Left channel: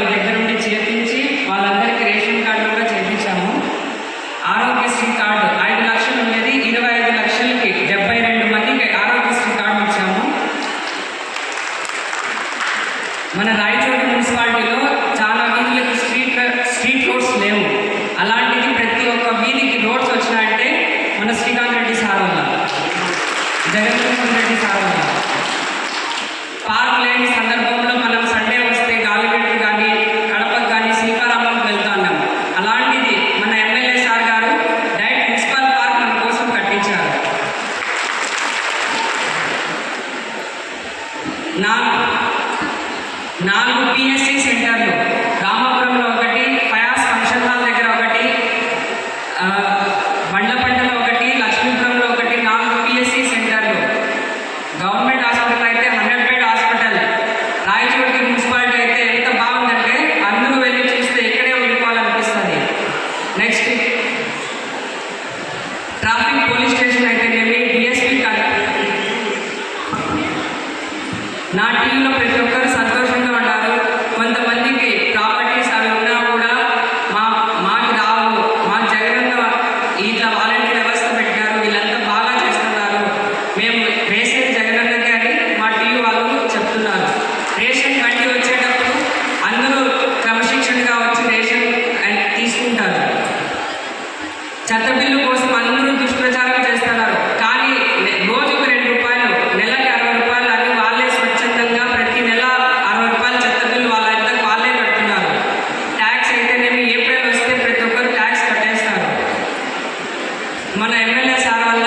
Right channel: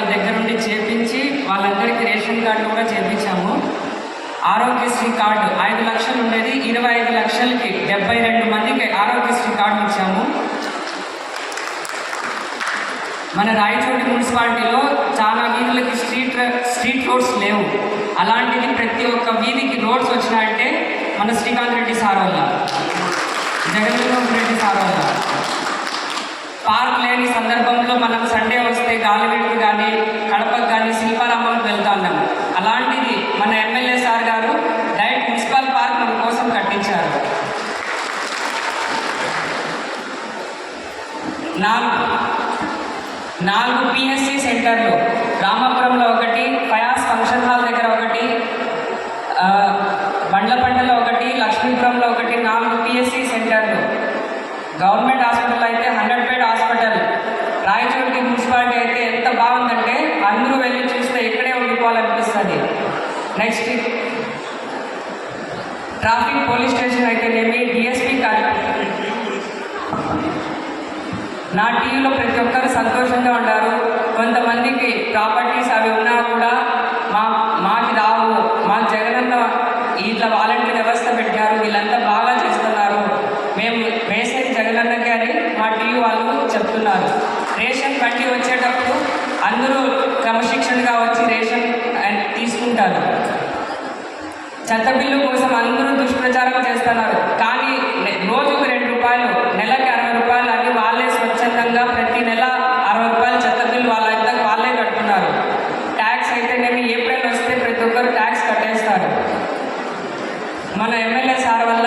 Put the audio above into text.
వాళ్ళ దగ్గర నుండి చేపించి వాళ్ళందరికీ రేషన్ కార్డు కూడా చేపించాము ఆరోగ్యశ్రీ కార్డు ఐదు లక్షలు ఉండేది ఇరవై ఐదు లక్షలకి డెబ్బై రెండు మందికి ఆరోగ్యశ్రీ కార్డు ఇచ్చాము. మన రాయచోటి మున్సిపాలిటీలో చాలా వీధులకి స్ట్రీట్ స్ట్రీట్ రోడ్స్ లేవు. అలాంటిది ప్రతి ఒక్క వీధికి రోడ్స్ వచ్చినాయంటే మన శ్రీకాంత్ రెడ్డి సార్ వల్ల. జగన్మోహన్ రెడ్డి సార్ వల్ల. పార్క్ లేని సందర్భం మనం సండే వస్తే గాలిగట్టు కానీ కడపకు కానీ శిల్పారామంకి వెళ్తా ఉన్నాం అలాంటిది మన ఎమ్మెల్యే సార్ గారు డైరెక్ట్ మున్సిపల్ పార్క్ మన కోసం కట్టించారు నాలుగు. నాలుగు పిఎస్సి సెంటర్లు. రామపురంలో ఒకటి ఫయాస్ ఫంక్షన్ హాల్ దగ్గర ఒకటి ఆ, బండ్లపల్లిలో ఒకటి లక్ష్మీపురంలో ఒకటి నాలుగు పిఎస్సి సెంటర్లు. గవర్నమెంట్ హాస్పిటల్ అయితే హండ్రెడ్ బెడ్ హాస్పిటల్. రాయచూరికి మున్సిపాలిటీ అయితే ఎంత బాగుందంటే అందరూ వెళ్ళి చూస్తే ఇక్కడే ఉండిపోవాలనిపిస్తుంది. నెక్స్ట్ ట్రాఫిక్ పోలీస్ స్టేషన్ అయితే నా టీంలో ప్రతి ఒక్కరు సంతోషంగా ఉన్నారు కొంతమందికి ప్రాపర్టీస్ అవి ఉన్నా కూడా మా మాకు రావు. మా జగనన్న ఇట్లా వాలంటీర్ వ్యవస్థ పెట్టారు. వీళ్ళంతా బాగా చేస్తున్నారు. మేము రేషన్ జగనన్న అని మా టీం వాళ్ళు చెప్తున్నారు. రేషన్ కట్టి వచ్చేటప్పుడు అందరూ క్రమశిక్షణగా వచ్చి రేషన్ అండ్ తీసుకుంటారు. చెత్త బిల్లు మన ఎమ్మెల్యే సార్ వల్ల